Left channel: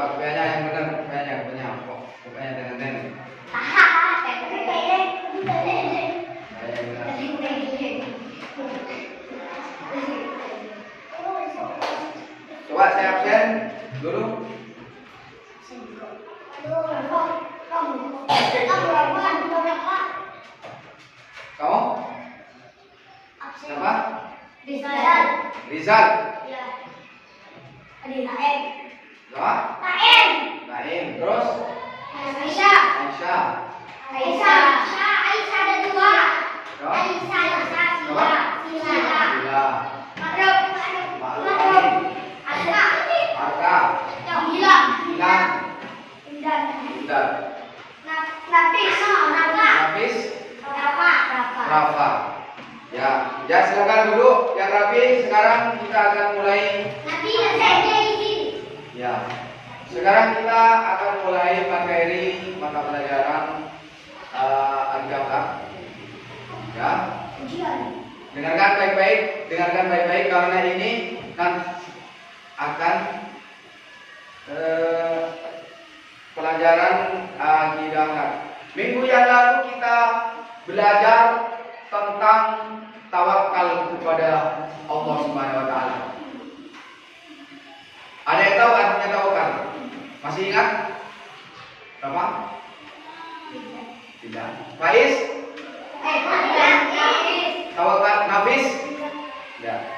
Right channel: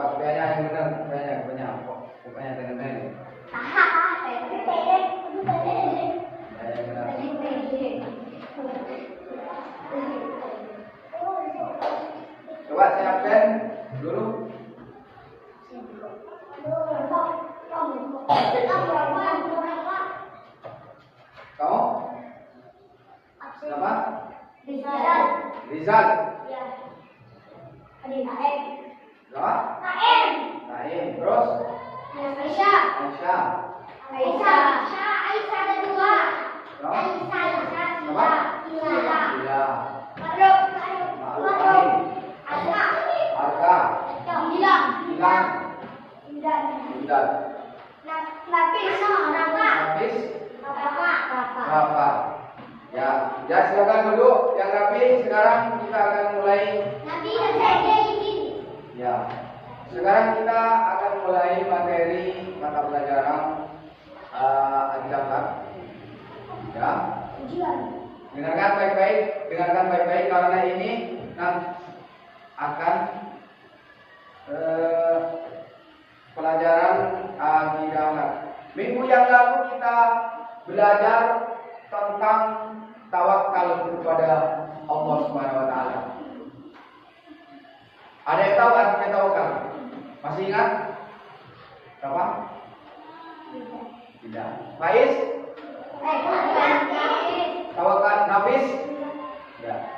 Coba kopiahnya yang benar, kopiahnya kok. Kopiahnya dengan nenek. Coba saya absen dulu. Kamu? Siapa? Rizal. Ya. Adi Naim. Siapa? Naim. Naim. Terus? Aisyah. Aisyah. Aisyah. Aisyah ada dua. Siapa? Aisyah. Siapa? Sila. Sila. Makruf. Makruf. Arka. Arka. Gilang. Gilang. Indan. Indan. Nafis. Rafa. Hafiz. Rafa. Rafa. Ya silakan duduk yang rapi. Sekarang kita akan mulai. Nanti saya izin. Ya. Sekarang kita akan mulai materi mata pelajaran Al-Jamlah. Ya. Ujian. Dengarkan baik-baik karena ini kan akan pelajaran akidah. Minggu yang lalu kita belajar tentang tawakal kepada Allah Subhanahu wa taala. Ada yang tahu artinya tawakal? Masih ingat? Apa? Tidak. Faiz? Tawakal nafis? Ya.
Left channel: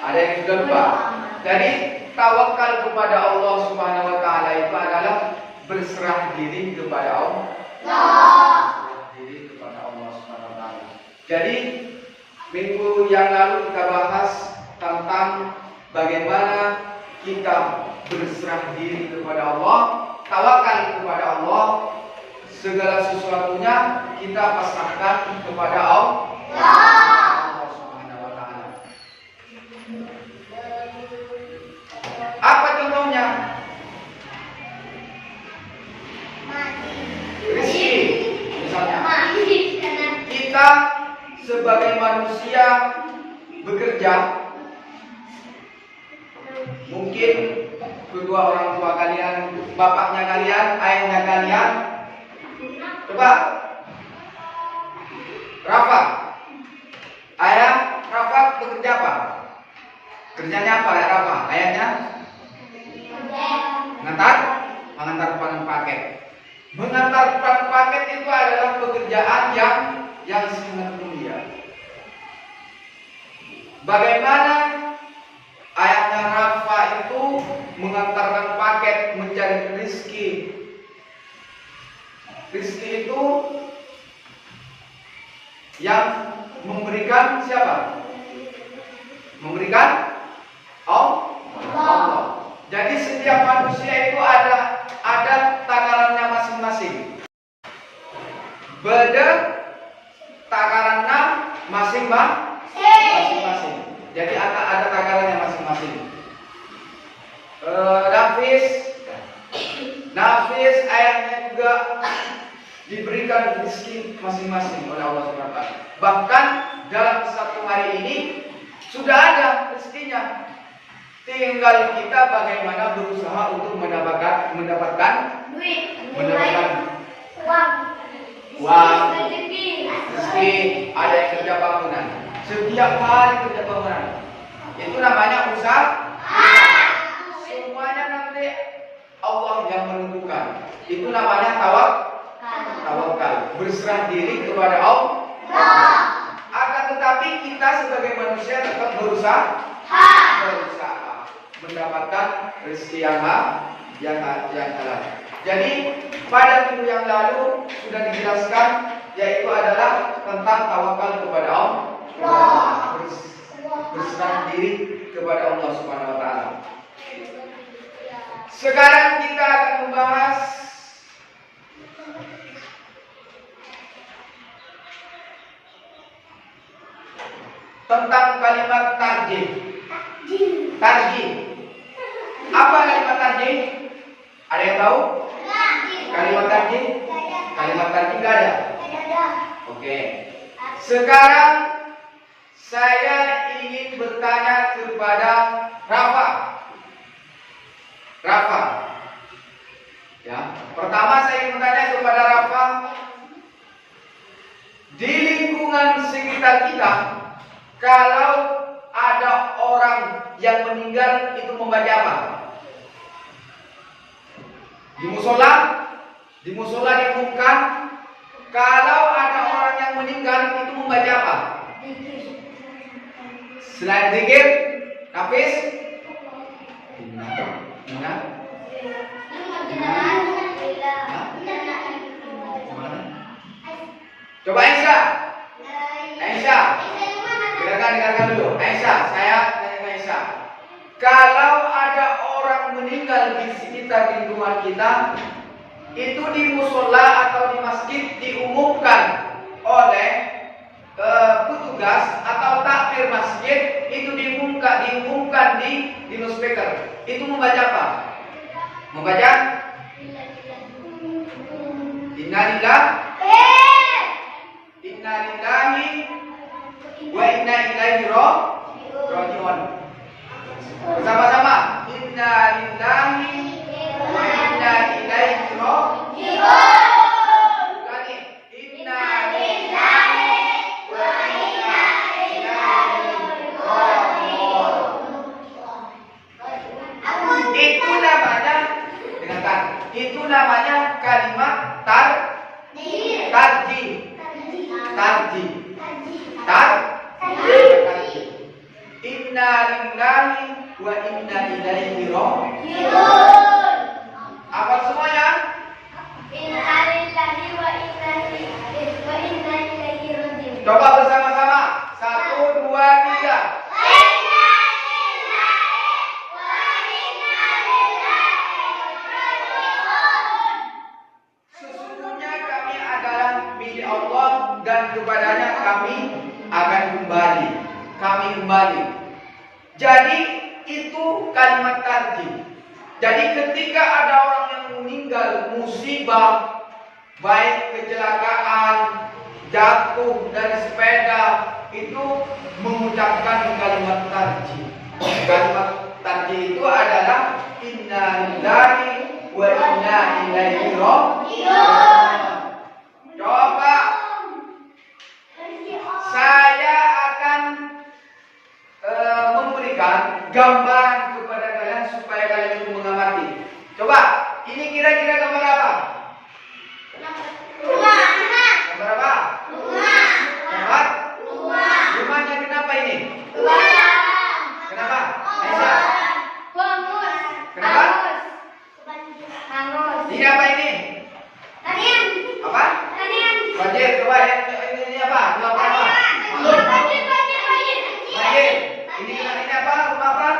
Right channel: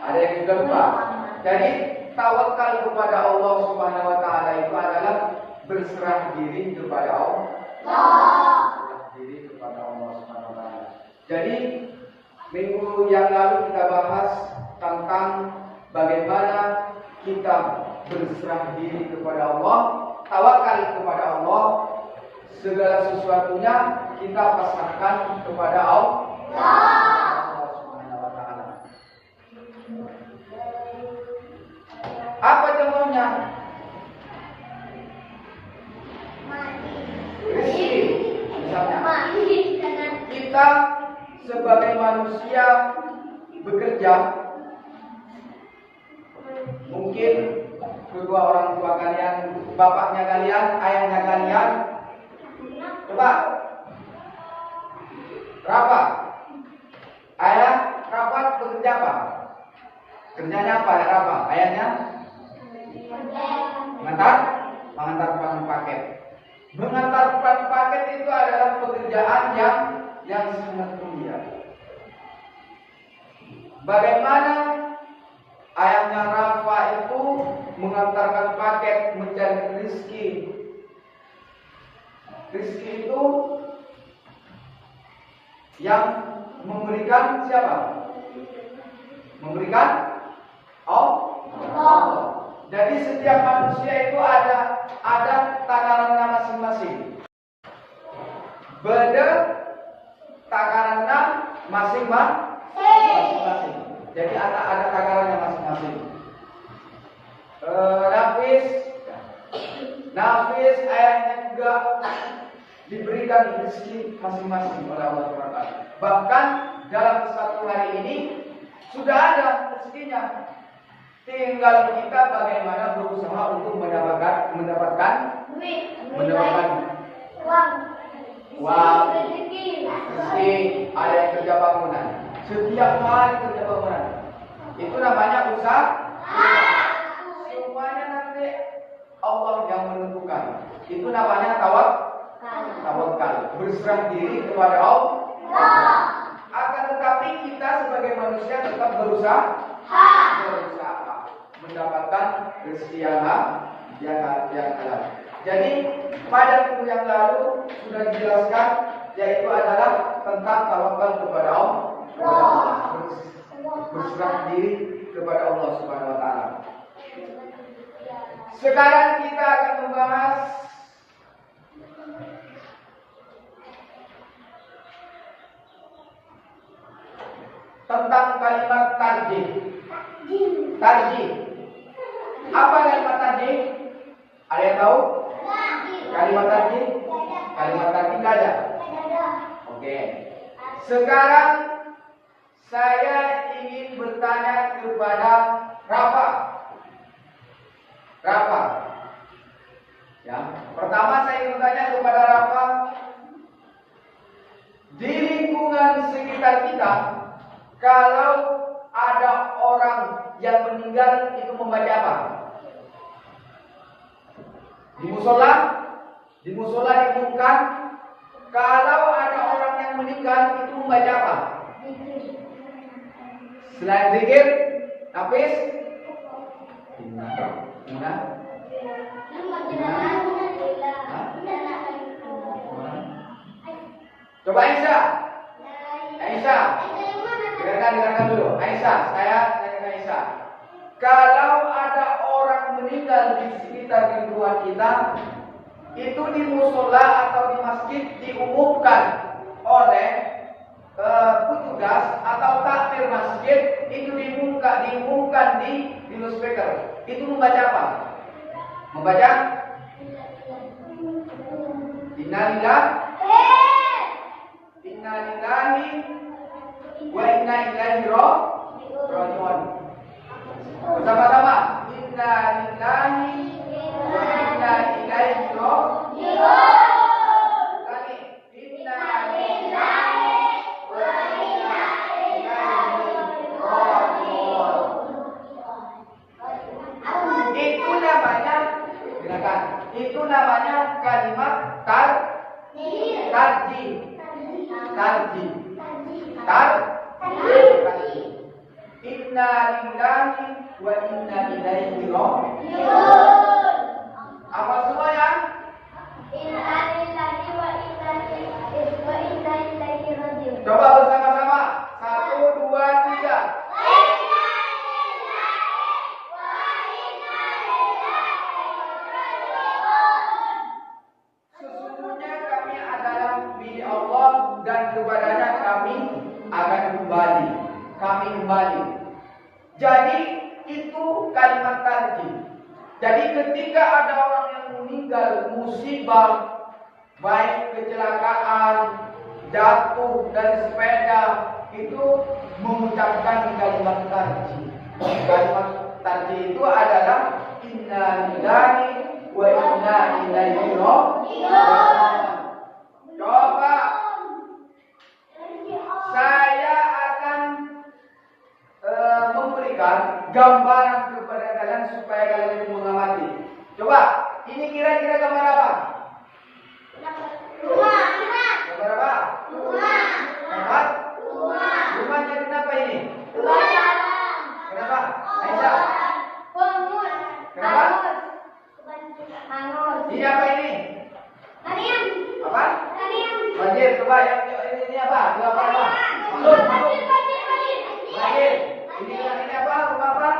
Ada yang sudah lupa? Jadi tawakal kepada Allah Subhanahu wa taala itu adalah berserah diri kepada Allah. Berserah diri kepada Allah Subhanahu wa taala. Jadi minggu yang lalu kita bahas tentang bagaimana kita berserah diri kepada Allah, tawakal kepada Allah, segala sesuatunya kita pasrahkan kepada Allah Subhanahu wa taala. Apa contohnya? Rezeki. Misalnya, kita sebagai manusia bekerja, mungkin kedua orang tua kalian, bapaknya kalian, ayahnya kalian. Coba Rafa, ayah Rafa bekerja apa? Kerjanya apa ya Rafa? Ayahnya mengantar paket. Mengantarkan paket itu adalah pekerjaan yang sangat mulia. Bagaimana ayahnya Rafa itu mengantarkan paket mencari rezeki. Rezeki itu yang memberikan siapa? Memberikan Allah. Jadi setiap manusia itu ada takarannya masing-masing. Beda takarannya masing-masing. Jadi ada takarannya masing-masing. Nafis ayahnya juga diberikan rezeki masing-masing oleh Allah Subhanahu wa taala. Bahkan dalam satu hari ini sudah ada rezekinya. Tinggal kita bagaimana berusaha untuk mendapatkan uang, rezeki, ada yang kerja bangunan. Setiap hari kerja bangunan. Itu namanya usaha. Semuanya nanti Allah yang menentukan. Itu namanya tawakal. Berserah diri kepada Allah. Akan tetapi kita sebagai manusia tetap berusaha mendapatkan rezeki yang halal. Jadi pada minggu yang lalu sudah dijelaskan, yaitu adalah tentang tawakal kepada Allah. Berserah diri kepada Allah Subhanahu wa taala. Sekarang kita akan membahas tentang kalimat tarjih. Apa kalimat tarjih? Ada yang tahu? Kalimat tarjih? Kalimat tarjih enggak ada? Oke. Sekarang saya ingin bertanya kepada Rafa. Ya. Pertama saya ingin bertanya kepada Rafa, di lingkungan sekitar kita, kalau ada orang yang meninggal itu membaca apa? Di musola diumumkan, kalau ada orang yang meninggal itu membaca apa? Selain zikir, nafis, coba Aisyah, dengarkan dulu. Aisyah, saya tanya ke Aisyah. Kalau ada orang meninggal di sekitar lingkungan kita, itu di musola atau di masjid diumumkan oleh petugas atau takmir masjid, itu diumumkan di loudspeaker. Itu membaca apa? Membaca Innalillahi wa inna ilaihi raji'un. Bersama-sama. Innalillahi wa inna ilaihi raji'un. Ulangi. Innalillahi wa inna ilaihi raji'un. Itu namanya, dengarkan. Itu namanya kalimat tarji. Inna lillahi wa inna ilaihi raji'un. Apa semuanya? Inna lillahi wa inna ilaihi raji'un. Coba bersama-sama. 1, 2, 3. Sesungguhnya kami adalah milik Allah dan kepadanya kami akan kembali. Jadi itu kalimat tarjih. Jadi ketika ada orang yang meninggal musibah, baik kecelakaan, jatuh dari sepeda, itu mengucapkan kalimat tarjih. Kalimat tarjih itu adalah inna lillahi wa inna ilaihi raji'un. Coba saya akan memberikan gambaran kepada kalian supaya kalian mengamati. Coba, ini kira-kira gambar apa? Gambar apa? Gambar? Rumahnya kenapa ini? Kenapa? Aisyah? Kenapa? Ini apa ini? Apa? Banjir. Coba ini apa? Itu apa? Banjir. Ini apa? Rumah apa?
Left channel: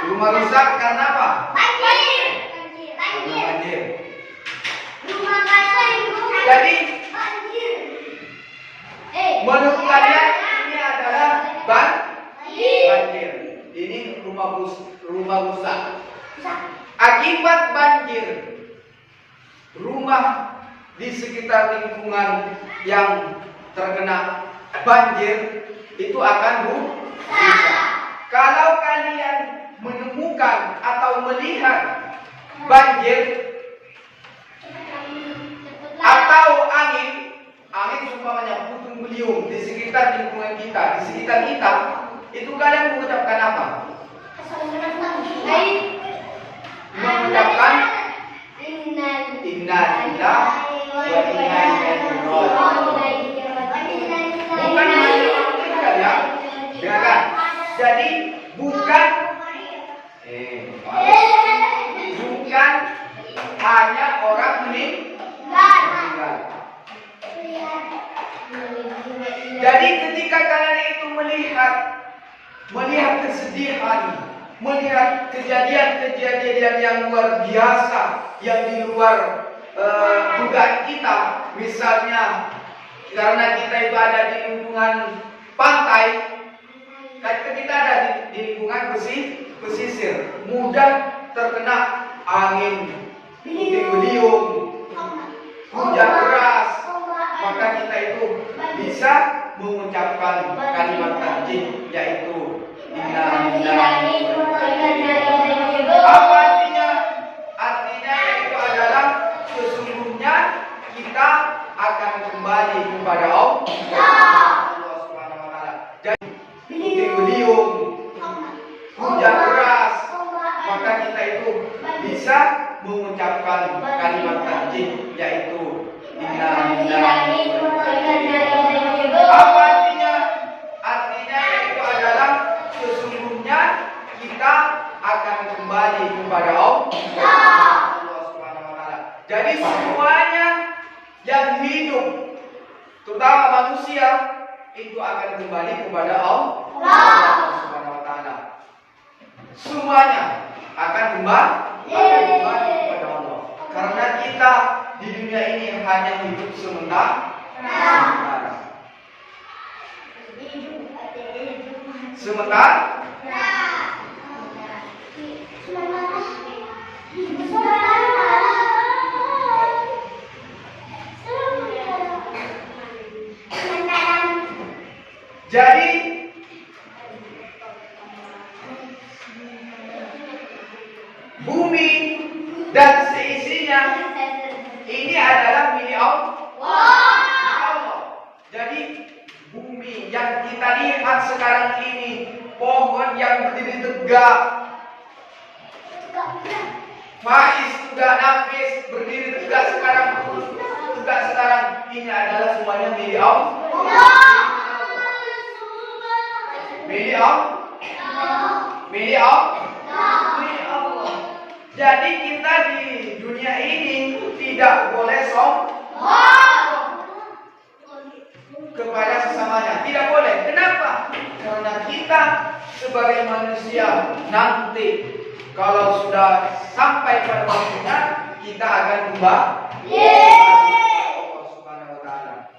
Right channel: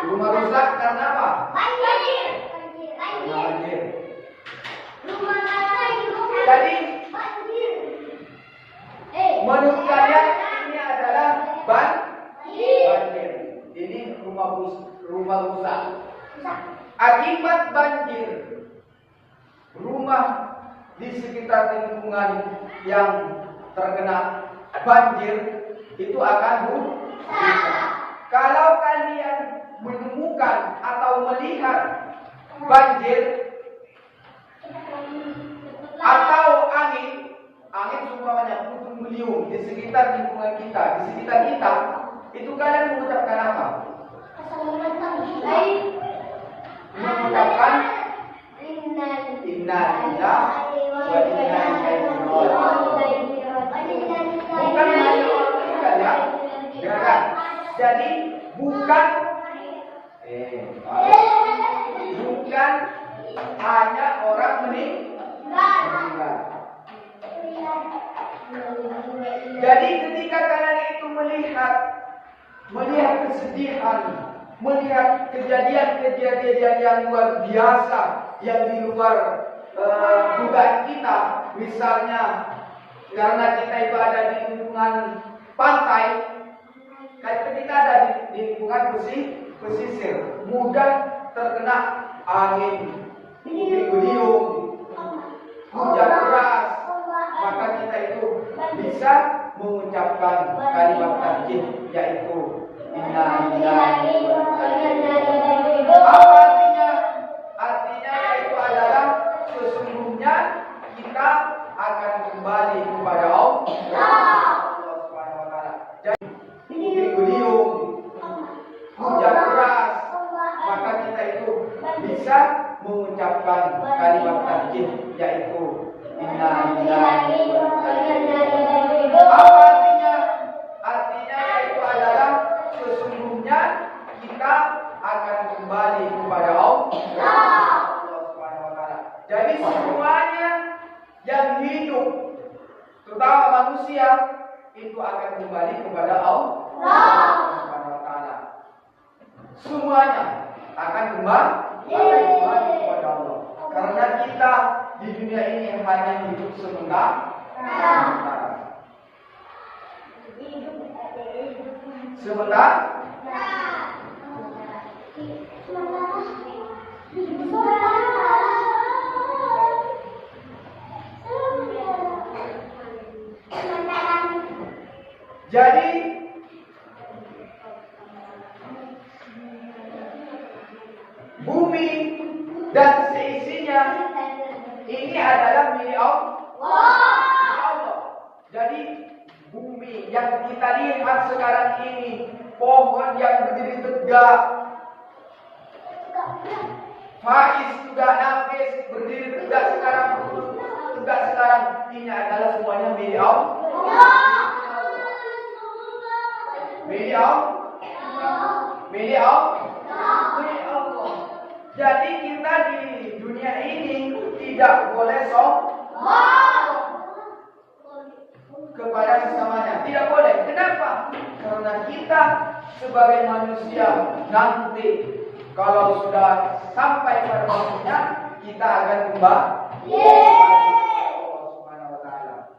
Rumah rusak karena apa? Banjir. Jadi menurut kalian ini adalah banjir. Ini rumah rusak. Akibat banjir, rumah di sekitar lingkungan yang terkena banjir itu akan rusak. Kalau kalian menemukan atau melihat banjir atau angin umpamanya puting beliung di sekitar lingkungan kita, di sekitar kita, itu kalian mengucapkan apa? Mengucapkan inna lillahi wa inna ilaihi raji'un. Bukan hanya orang meninggal ya. Dengarkan. Jadi bukan hanya orang meninggal. Jadi ketika kalian itu melihat kesedihan, melihat kejadian-kejadian yang luar biasa, yang di luar dugaan kita, misalnya karena kita itu ada di lingkungan pantai, dan kita ada di lingkungan pesisir, mudah terkena angin, puting beliung, hujan deras, maka kita itu bisa mengucapkan kalimat tarjih, yaitu inna lillahi wa inna ilaihi raji'un. Apa artinya? Artinya yaitu adalah bisa mengucapkan kalimat tasbih, yaitu inna lillahi wa inna ilaihi raji'un. Apa artinya? Artinya yaitu adalah sesungguhnya kita akan kembali kepada Allah Subhanahu wa taala. Jadi semuanya yang hidup, terutama manusia, itu akan kembali kepada Allah Subhanahu wa taala. Semuanya akan kembali kepada Allah. Karena kita di dunia ini hanya hidup sementara. Jadi bumi dan seisinya ini adalah milik Allah. Jadi bumi yang kita lihat sekarang ini, pohon yang berdiri tegak, Faiz juga, Nafis berdiri tegak sekarang, ini adalah semuanya milik Allah. Milik Allah. Jadi kita di dunia ini tidak boleh sombong kepada sesamanya. Tidak boleh. Kenapa? Karena kita sebagai manusia nanti kalau sudah sampai pada waktunya kita akan kembali Allah Subhanahu wa taala.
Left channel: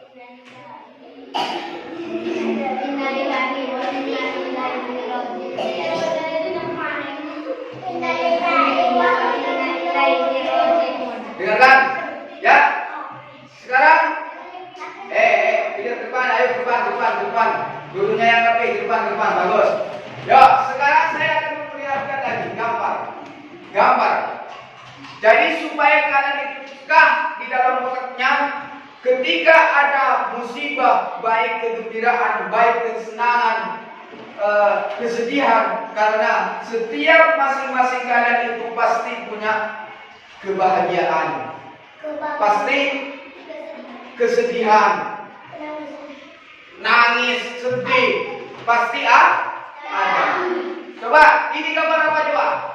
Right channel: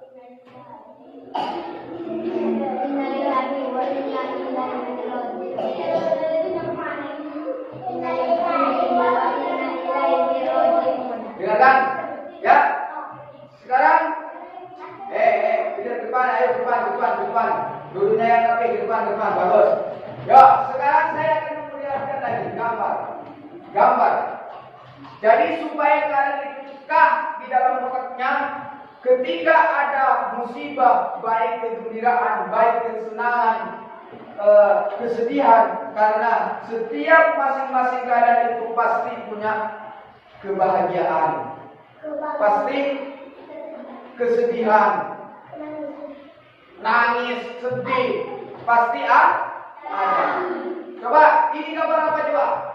Dengarkan, ya. Sekarang, pilih depan, ayo depan. Gurunya yang rapi, depan, bagus. Yuk, sekarang saya akan memperlihatkan lagi gambar. Jadi supaya kalian itu peka di dalam otaknya, ketika ada musibah, baik kegembiraan, baik kesenangan, kesedihan, karena setiap masing-masing kalian itu pasti punya kebahagiaan, pasti kesedihan, nangis, sedih, pasti ada. Coba, ini gambar apa coba?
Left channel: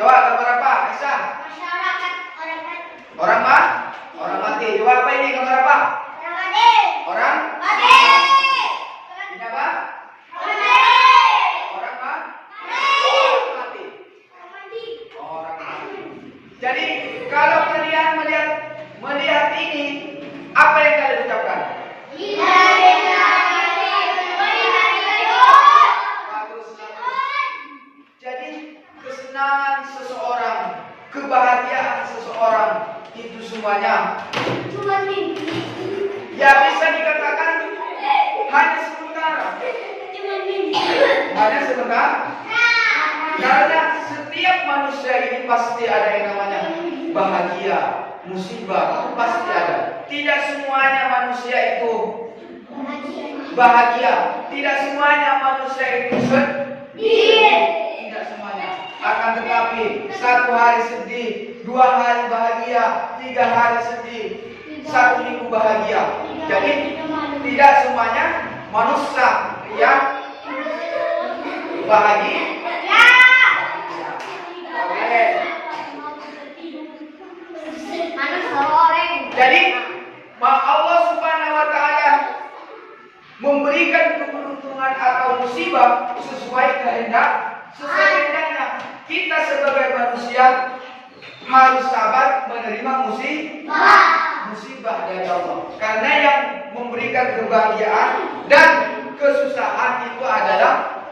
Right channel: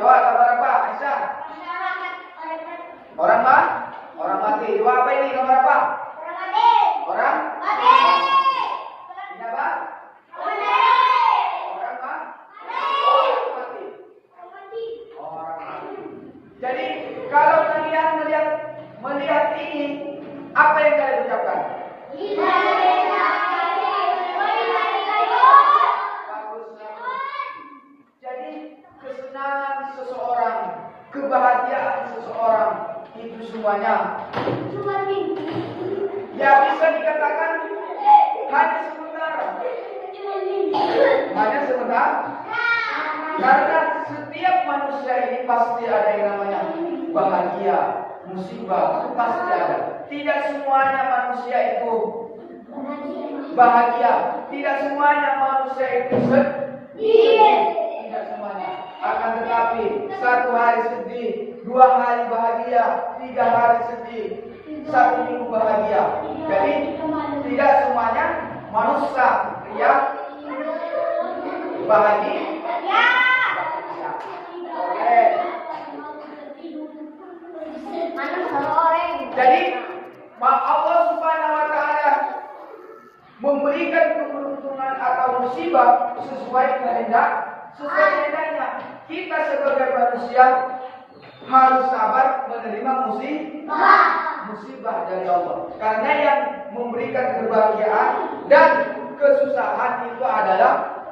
Gambar apa? Aisyah? Orang mati. Coba apa ini gambar apa? Orang mati. Ini apa? Orang mati. Orang mati. Jadi kalau kalian melihat ini, apa yang kalian ucapkan? Jadi kesenangan seseorang, kebahagiaan seseorang itu semuanya ya bisa dikatakan hanya sementara. Karena setiap manusia ini pasti ada yang namanya bahagia, musibah, itu pasti ada. Tidak semuanya manusia itu bahagia, tidak semuanya manusia itu sedih, tidak semuanya. Akan tetapi 1 hari sedih, 2 hari bahagia, 3 hari sedih, 1 minggu bahagia. Jadi tidak semuanya manusia yang bahagia. Jadi Allah Subhanahu wa taala memberikan keberuntungan atau musibah sesuai kehendaknya. Kita sebagai manusia harus sabar menerima musibah dari Allah. Karena yang memberikan kebahagiaan dan kesusahan itu adalah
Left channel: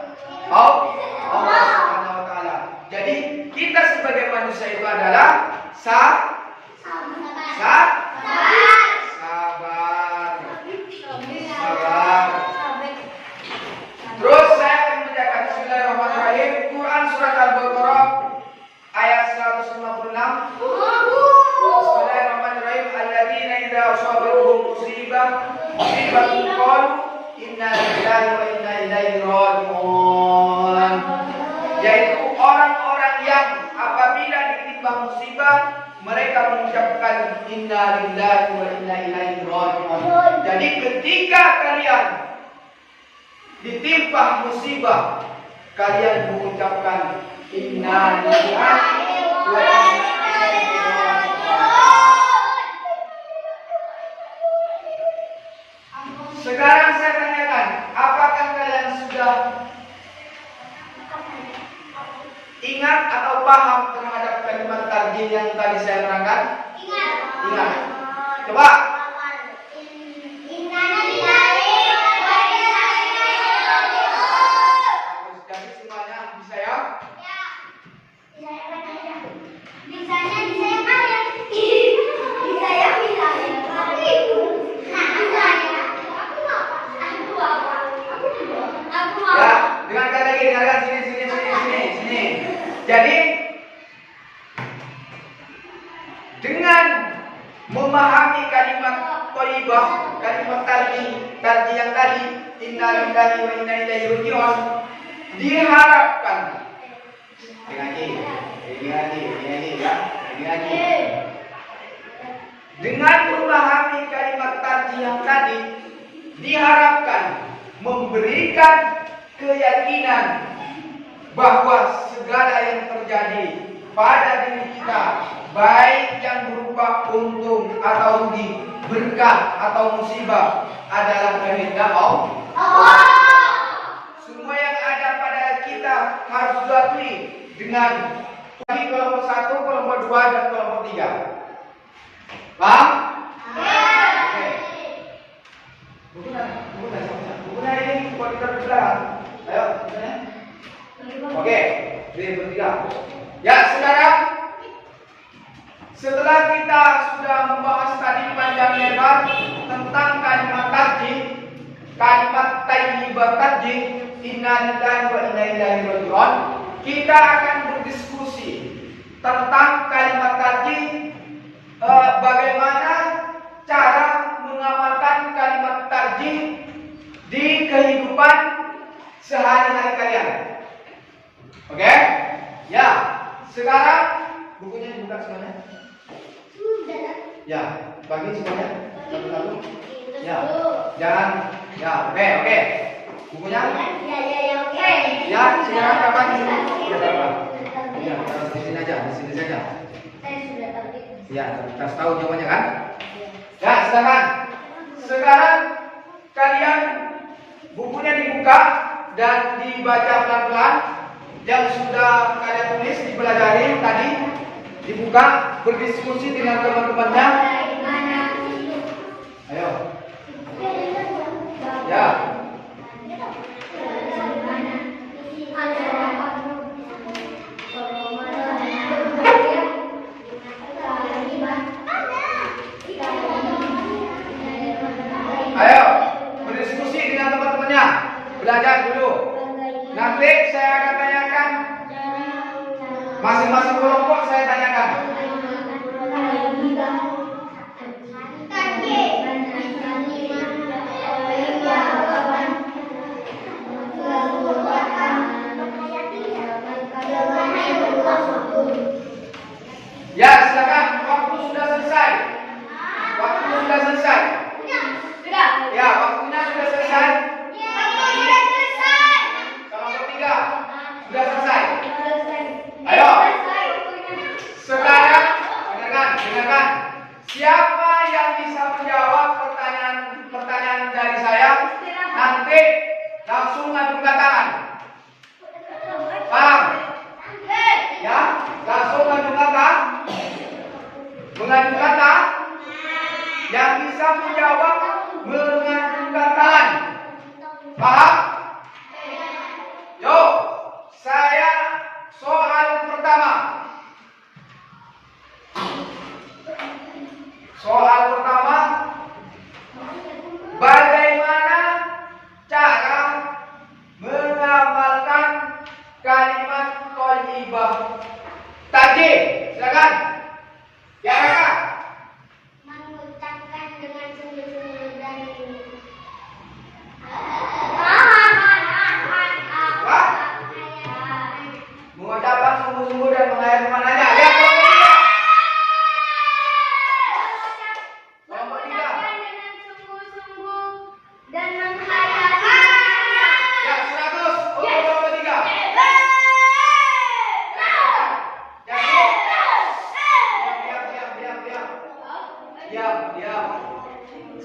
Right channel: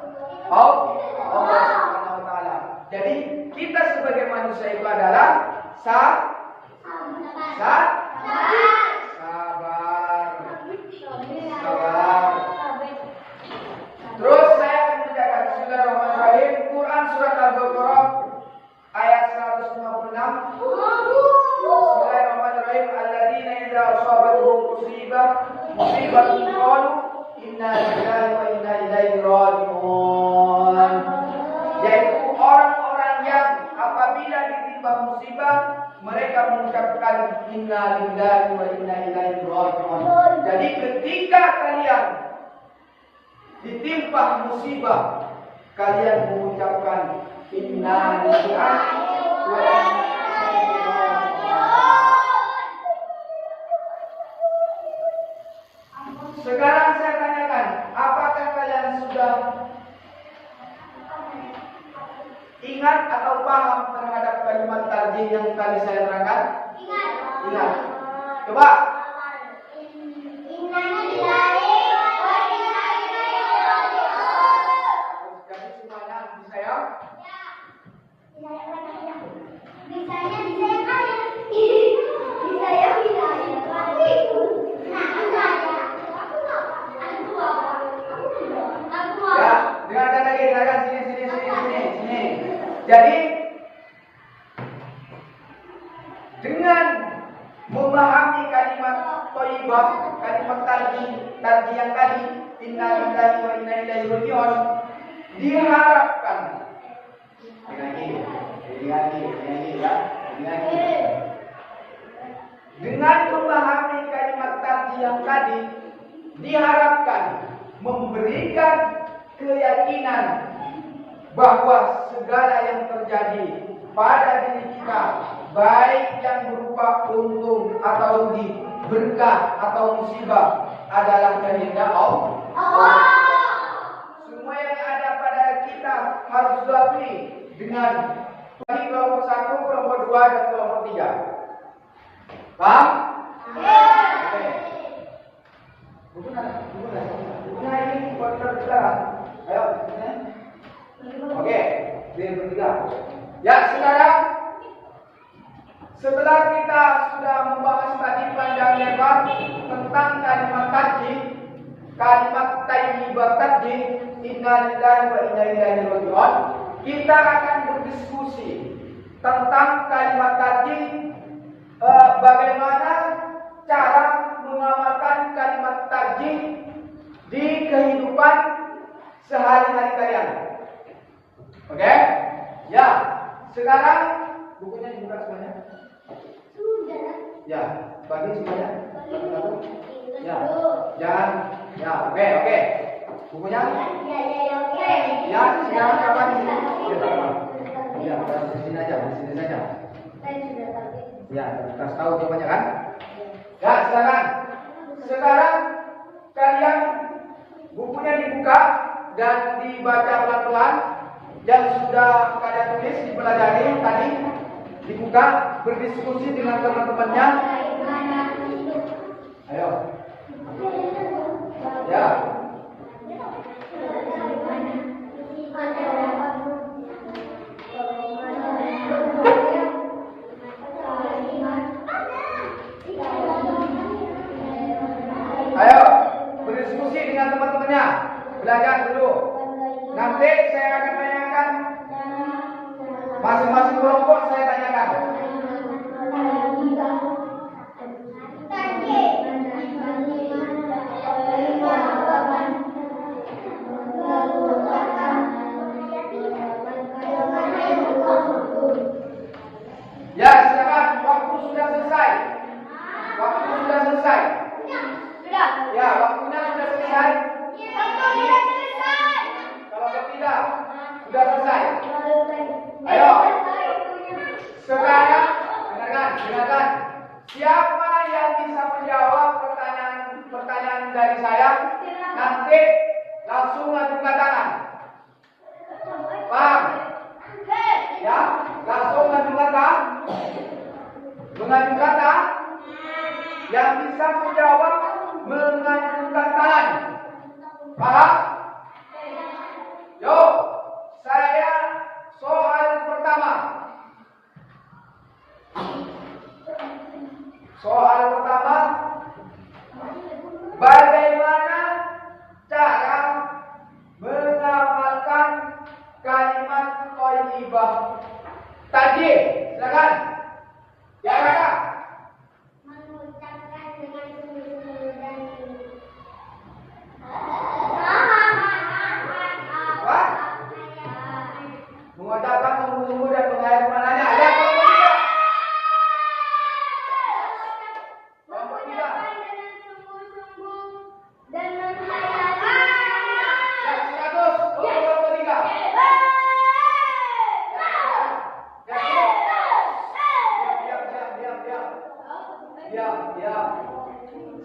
Allah Subhanahu wa taala. Jadi kita sebagai manusia itu adalah sabar. Terus saya akan membacakan Bismillahirrahmanirrahim. Quran surat Al-Baqarah ayat 156. Bismillahirrahmanirrahim. Alladzina idza asabatuhum musibatun qalu inna lillahi wa inna ilaihi raji'un. Yaitu orang-orang yang apabila ditimpa musibah, mereka mengucapkan inna lillahi wa inna ilaihi raji'un. Jadi ketika kalian ditimpa musibah, kalian mengucapkan inna lillahi wa inna ilaihi raji'un. Sekarang saya tanyakan, apakah kalian sudah ingat atau paham terhadap kalimat tarjih yang tadi saya terangkan? Ingat. Coba. Jadi semuanya bisa ya? Ya, dengarkan lagi, dengarkan sini. Jadi dengan memahami kalimat thayyibah, kalimat tarjih yang tadi, inna lillahi wa inna ilaihi raji'un, diharapkan dengan memahami kalimat tarjih yang tadi, diharapkan memberikan keyakinan bahwa segala yang terjadi pada diri kita, baik yang berupa untung atau rugi, berkah atau musibah, adalah kehendak Allah. Semua yang ada pada kita harus diakui dengan bagi kelompok 1, kelompok 2, dan kelompok 3. Paham? Oke. Bukunya ini buat kita bicara. Ayo, bukunya. Oke, 3. Ya, sekarang setelah kita sudah membahas tadi panjang lebar tentang kalimat tarjih, kalimat thayyibah tarjih, inna lillahi wa inna ilaihi raji'un, kita akan berdiskusi tentang kalimat tarjih, bagaimana cara mengamalkan kalimat tarjih di kehidupan sehari-hari kalian. Oke? Ya, sekarang bukunya dibuka semuanya. Ya, bagi semuanya satu-satu. Ya, jangan. Ya, oke. Bukunya? Ya, sekarang kapan? Ya, di sini saja. Ya, kasih tahu jawabannya kan? Ya, sekarang kalian bukunya dibuka dan dibaca pelan-pelan. Yang sudah kalian tulis, dipelajari tadi, dibuka, berdiskusi dengan teman-temannya. Ayo. Ya. Ayo, berdiskusi dengan teman-temannya. Belajar dulu. Nanti saya akan tanyakan, masing-masing kelompok saya tanyakan. Ya, silakan. Waktu sudah selesai. Ya, waktunya sudah selesai. Kelompok 3 sudah selesai. Ayo. Sekarang dengarkan. Siapa yang bisa menjawab pertanyaan dari saya, nanti langsung ngajungkan tangan. Paham? Ya, langsung ngajungkan tangan. Mengajungkan tangan. Yang bisa menjawab mengajungkan tangan. Paham? Yuk, saya soal pertama. Bagaimana cara mengamalkan kalimat thayyibah tadi? Silakan. Ya, Kakak. Mengucapkan dengan sungguh-sungguh dan Mengucapkan sungguh-sungguh dan mengakhiri mananya. Ya, diam.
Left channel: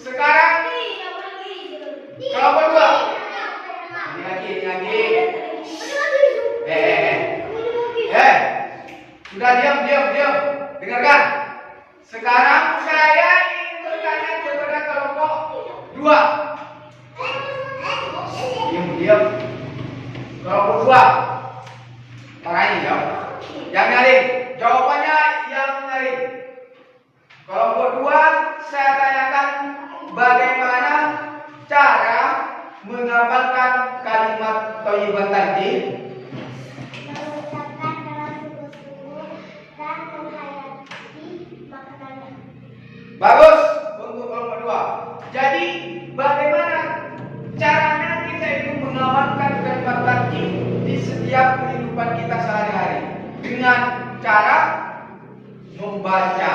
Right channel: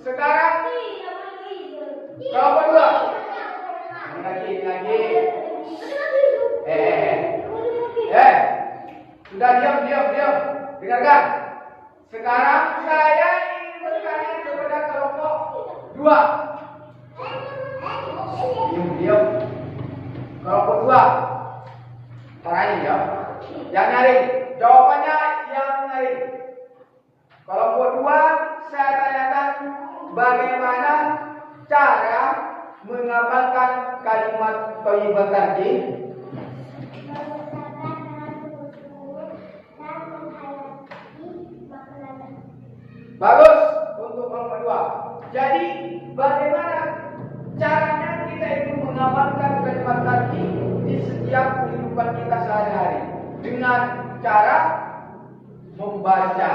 Sekarang kelompok 2. Ini lagi. Sudah diam. Dengarkan. Sekarang saya ingin bertanya kepada kelompok 2. Diam. Kelompok 2. Makanya ya. Yang nyaring. Jawabannya yang nyaring. Kelompok 2, saya tanyakan bagaimana cara mengamalkan kalimat thayyibah tadi. Bagus untuk kelompok 2. Jadi bagaimana caranya kita itu mengamalkan kalimat tadi di setiap kehidupan kita sehari-hari? Dengan cara membaca,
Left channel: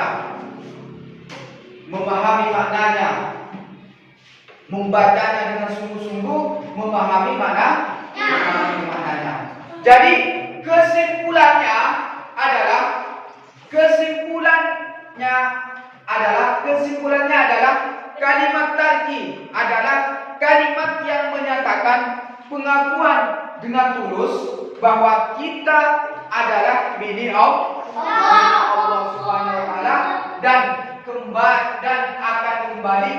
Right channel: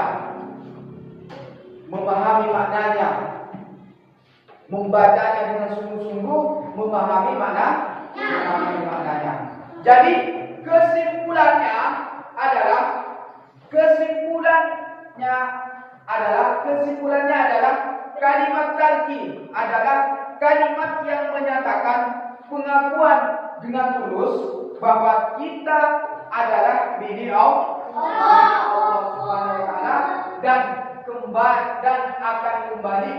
memahami maknanya, membacanya dengan sungguh-sungguh, memahami maknanya. Jadi kesimpulannya adalah kalimat tarji adalah kalimat yang menyatakan pengakuan dengan tulus bahwa kita adalah milik Allah Subhanahu wa taala dan akan kembali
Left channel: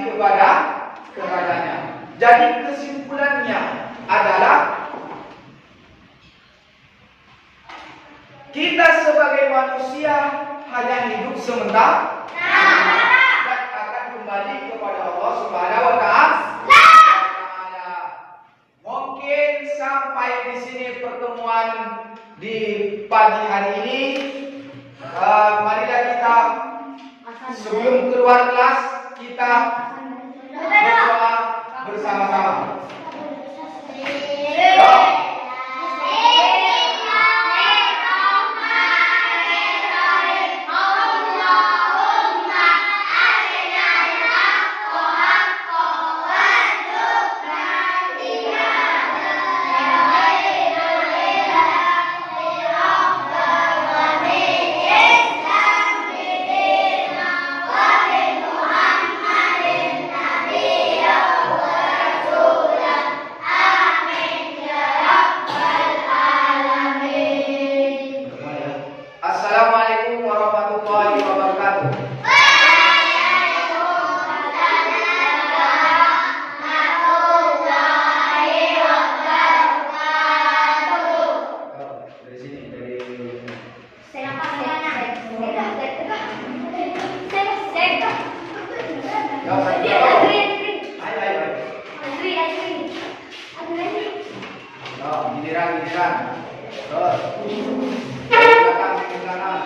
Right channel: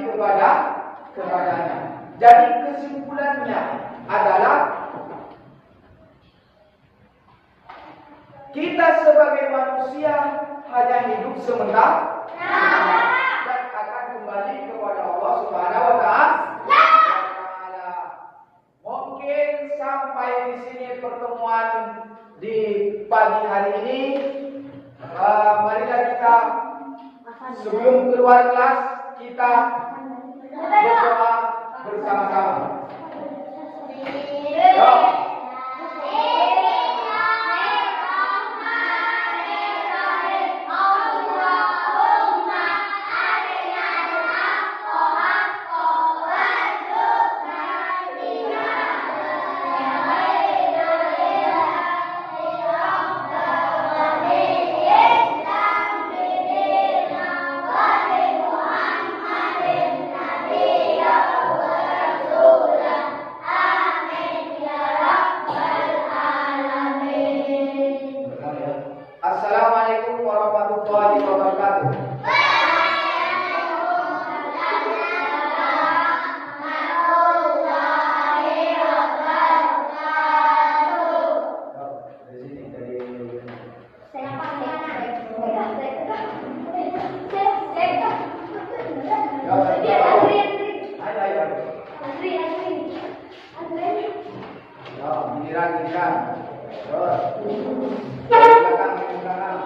kepadanya. Jadi kesimpulannya adalah kita sebagai manusia hanya hidup sementara dan akan kembali kepada Allah Subhanahu wa taala. Mungkin sampai di sini pertemuan di pagi hari ini. Marilah kita sebelum keluar kelas kita berdoa bersama-sama. Assalamualaikum warahmatullahi wabarakatuh. Dari sini, dari giliran. Terus. Belakang.